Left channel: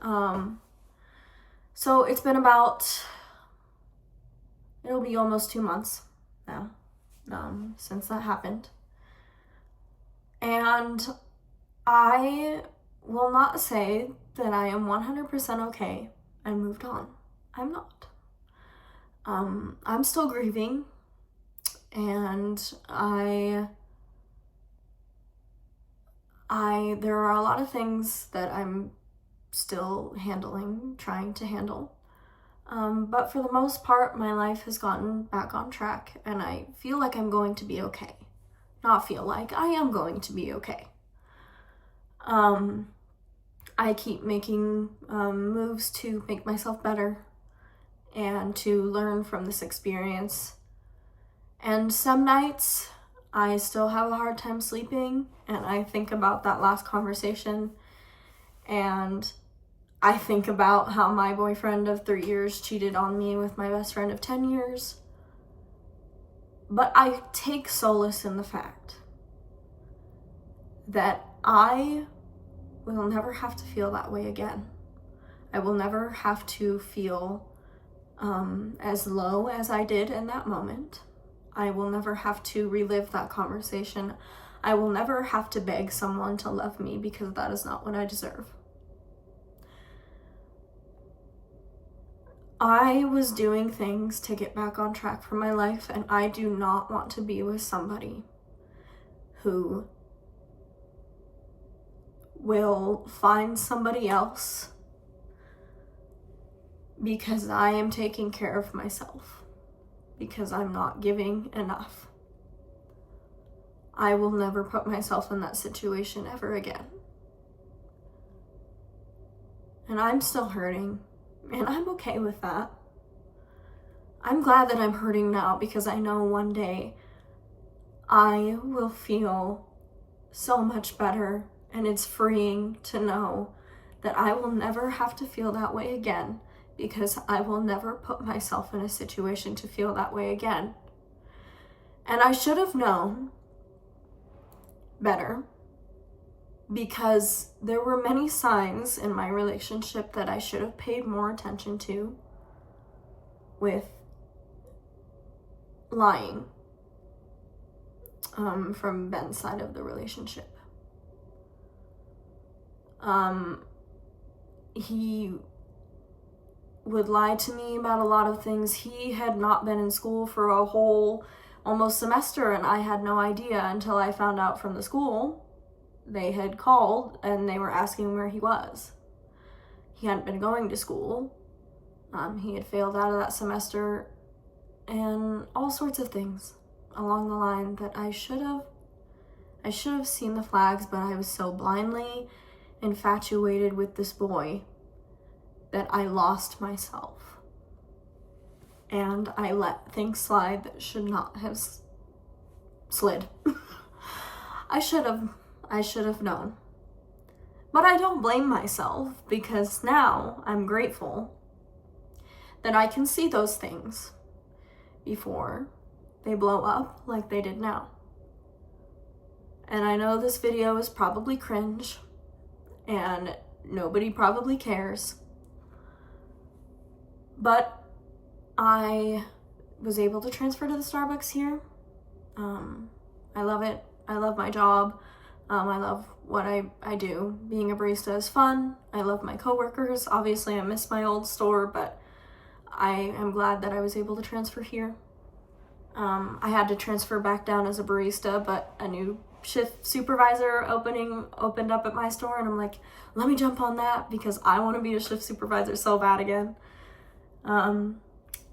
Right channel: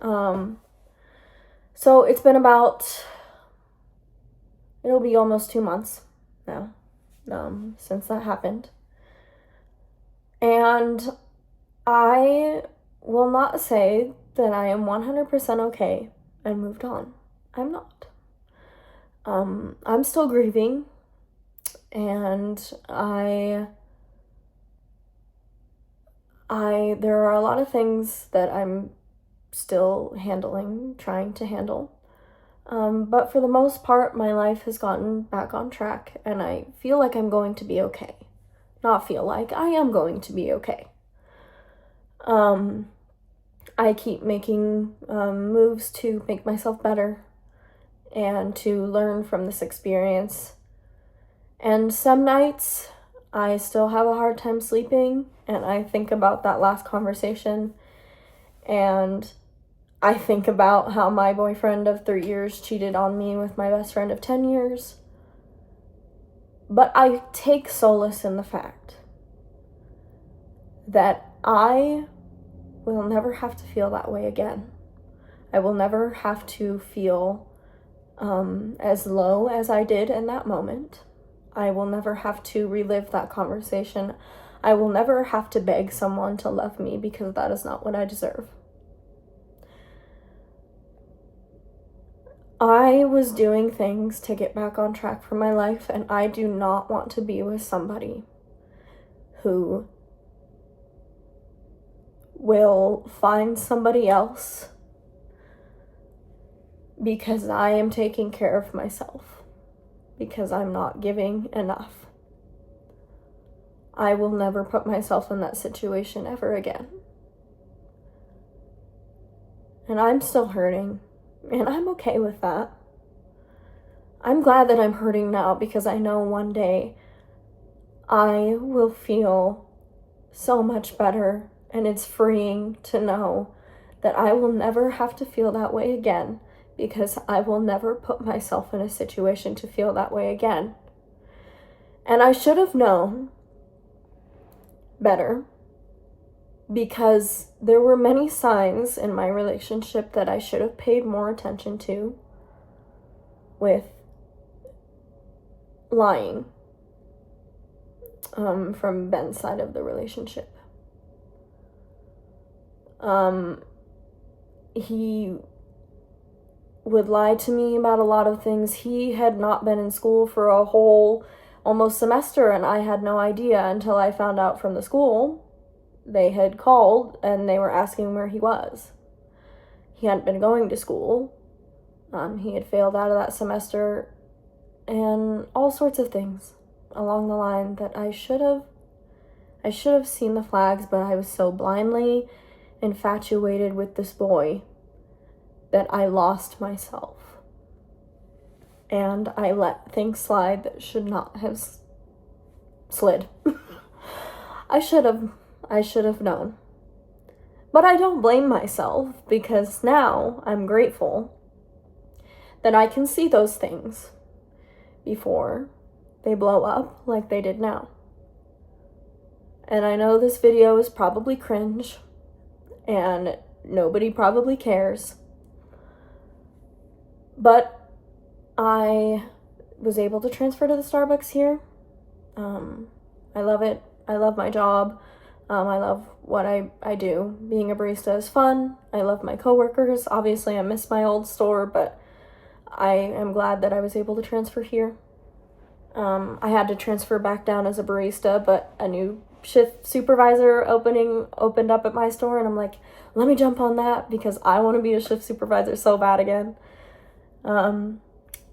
So it's been it'll be almost 2 months now, since that happened. And I will not say that I am 100% okay and moved on. I'm not. I'm still grieving, and there are a lot of things that I'm still trying to handle. But for the most part, my life has gotten back on track, and I feel like I'm going to be okay. Not feel like, I am going to be okay. I keep making moves to make myself better and to learn from this experience. And some nights I still have a hard time sleeping, and I think about that last conversation, and I think about how my boyfriend of 3 years cheated on me with my best friend of 10 years. But I take solace in the fact that I will never have to feel that way again. I will never have to feel as low as I did in that moment. I will never have to relive that conversation. I will never have to beg someone to love me, because that is not what I deserve. I was doing things to get back on track for my life, and I do not want to be with somebody who will find somebody else because I am taking care of myself, because I'm not giving enough. I will never put myself in that situation ever again. And I'm still hurting, and I'm okay with that. I'm glad that I'm hurting now, because I know one day I will feel so much better, and it's freeing to know that I will never have to feel that way again, because I will never put myself in a situation to feel that way again. And I should have known better, because there were many signs in my relationship that I should have paid more attention to, with lying from Ben's side of the relationship. He would lie to me about a lot of things. He had not been in school for a whole almost semester, and I had no idea until I found out from the school. They had called and they were asking where he was. He hadn't been going to school. He had failed out of that semester, and all sorts of things along the line that I should have seen the flags, but I was so blindly infatuated with this boy that I lost myself. And I let things slide that should not have slid. I should have known. But I don't blame myself, because now I'm grateful that I can see those things before they blow up like they did now. And I know this video is probably cringe, and nobody probably cares, but I was able to transfer to the Starbucks here. I love it. I love my job. I love what I do. Being a barista is fun. I love my coworkers. Obviously, I miss my old store, but I am glad that I was able to transfer here. I had to transfer back down as a barista, but a new shift supervisor opened up at my store, and I'm like, let me jump on that, because I want to be a shift supervisor so bad again.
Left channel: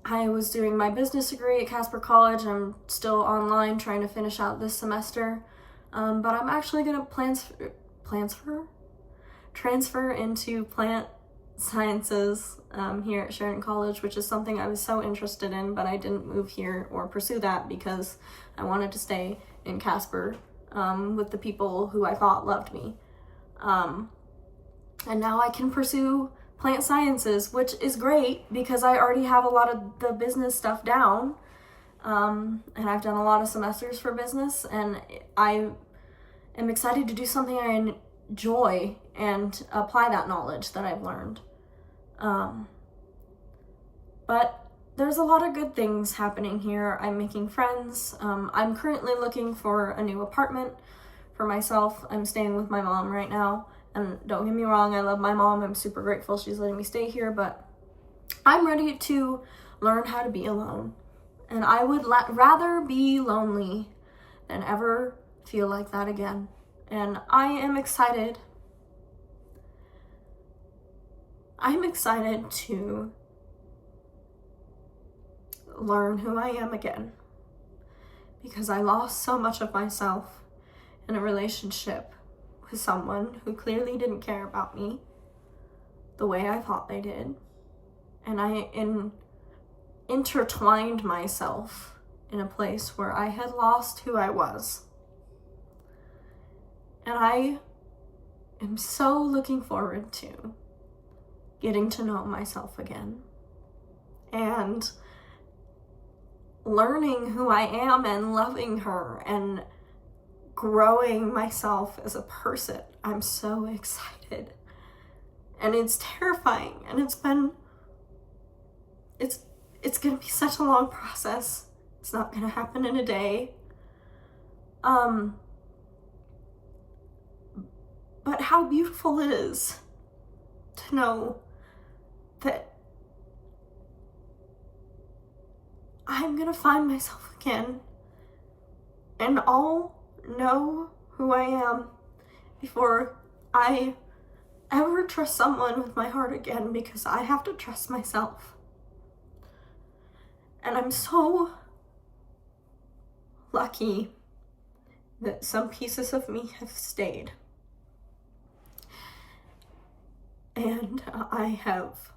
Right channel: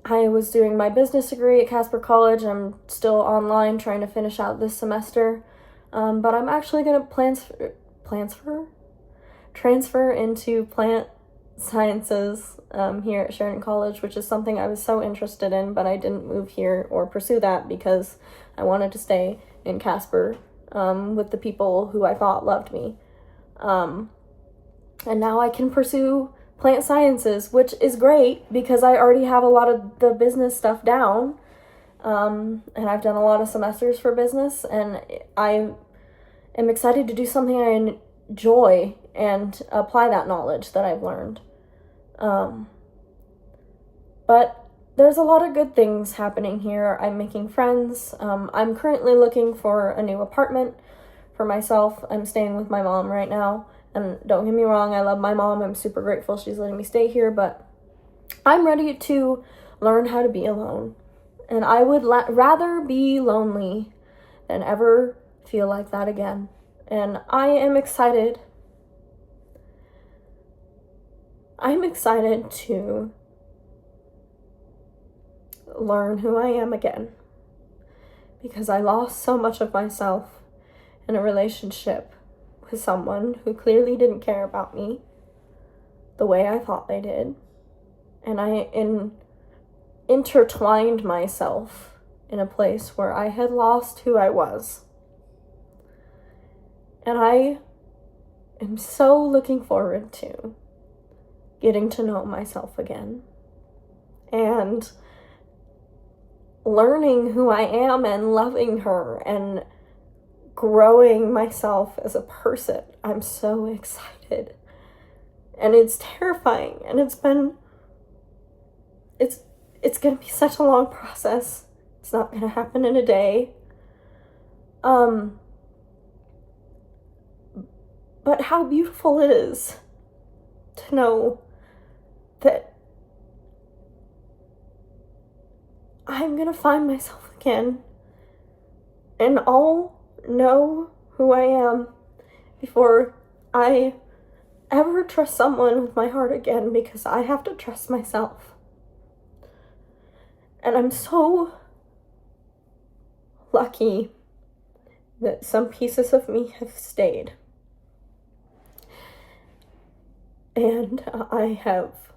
I was doing my business degree at Casper College. I'm still online trying to finish out this semester. But I'm actually going to transfer into plant sciences here at Sheridan College, which is something I was so interested in, but I didn't move here or pursue that because I wanted to stay in Casper with the people who I thought loved me. And now I can pursue plant sciences, which is great because I already have a lot of the business stuff down. And I've done a lot of semesters for business, and I am excited to do something I joy and apply that knowledge that I've learned. But there's a lot of good things happening here. I'm making friends. I'm currently looking for a new apartment for myself. I'm staying with my mom right now. And don't get me wrong, I love my mom. I'm super grateful she's letting me stay here. But I'm ready to learn how to be alone. And I would rather be lonely than ever feel like that again. And I am excited. I'm excited to learn who I am again, because I lost so much of myself in a relationship with someone who clearly didn't care about me the way I thought they did. And I intertwined myself in a place where I had lost who I was. And I am so looking forward to getting to know myself again and learning who I am and loving her and growing myself as a person. I'm so excited. And it's terrifying, and it's going to be such a long process. It's not going to happen in a day. But how beautiful it is to know that I'm going to find myself again, and I'll know who I am before I ever trust someone with my heart again, because I have to trust myself. And I'm so lucky that some pieces of me have stayed. And I have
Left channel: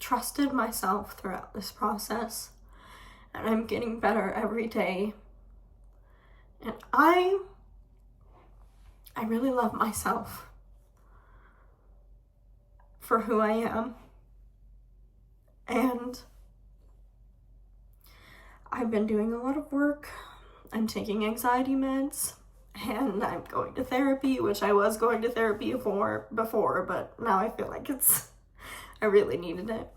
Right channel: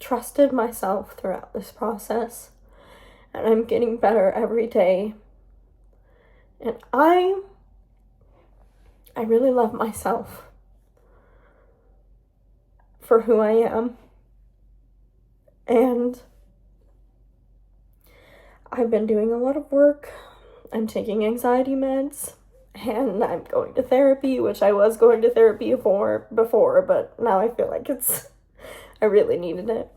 trusted myself throughout this process. And I'm getting better every day. And I really love myself for who I am. And I've been doing a lot of work. I'm taking anxiety meds, and I'm going to therapy, which I was going to therapy before, but now I feel like I really needed it.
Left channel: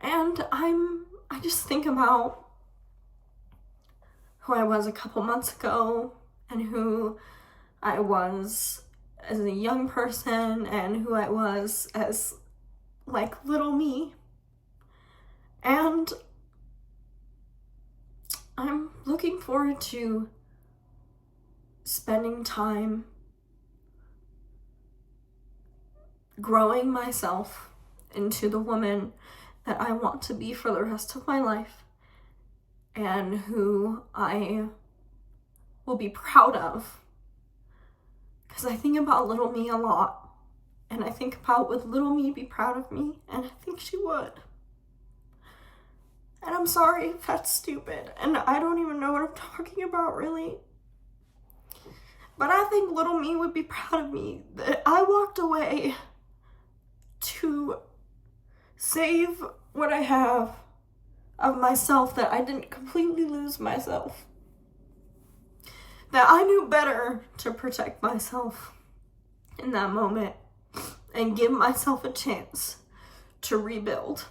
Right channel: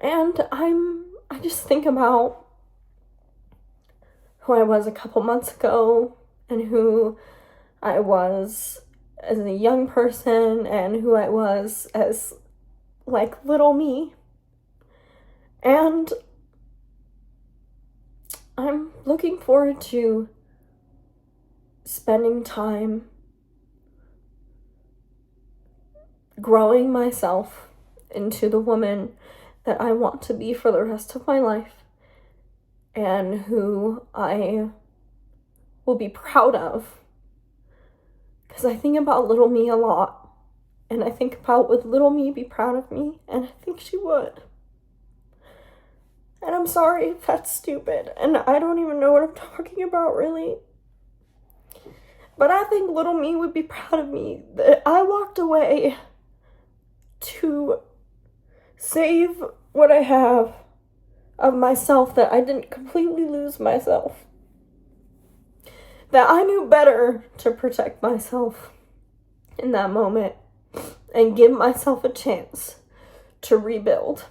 And I just think about who I was a couple months ago, and who I was as a young person, and who I was as like little me. And I'm looking forward to spending time growing myself into the woman that I want to be for the rest of my life, and who I will be proud of. Because I think about little me a lot, and I think about, would little me be proud of me? And I think she would. And I'm sorry if that's stupid, and I don't even know what I'm talking about, really. But I think little me would be proud of me, that I walked away to save what I have of myself, that I didn't completely lose myself. That I knew better to protect myself in that moment and give myself a chance to rebuild.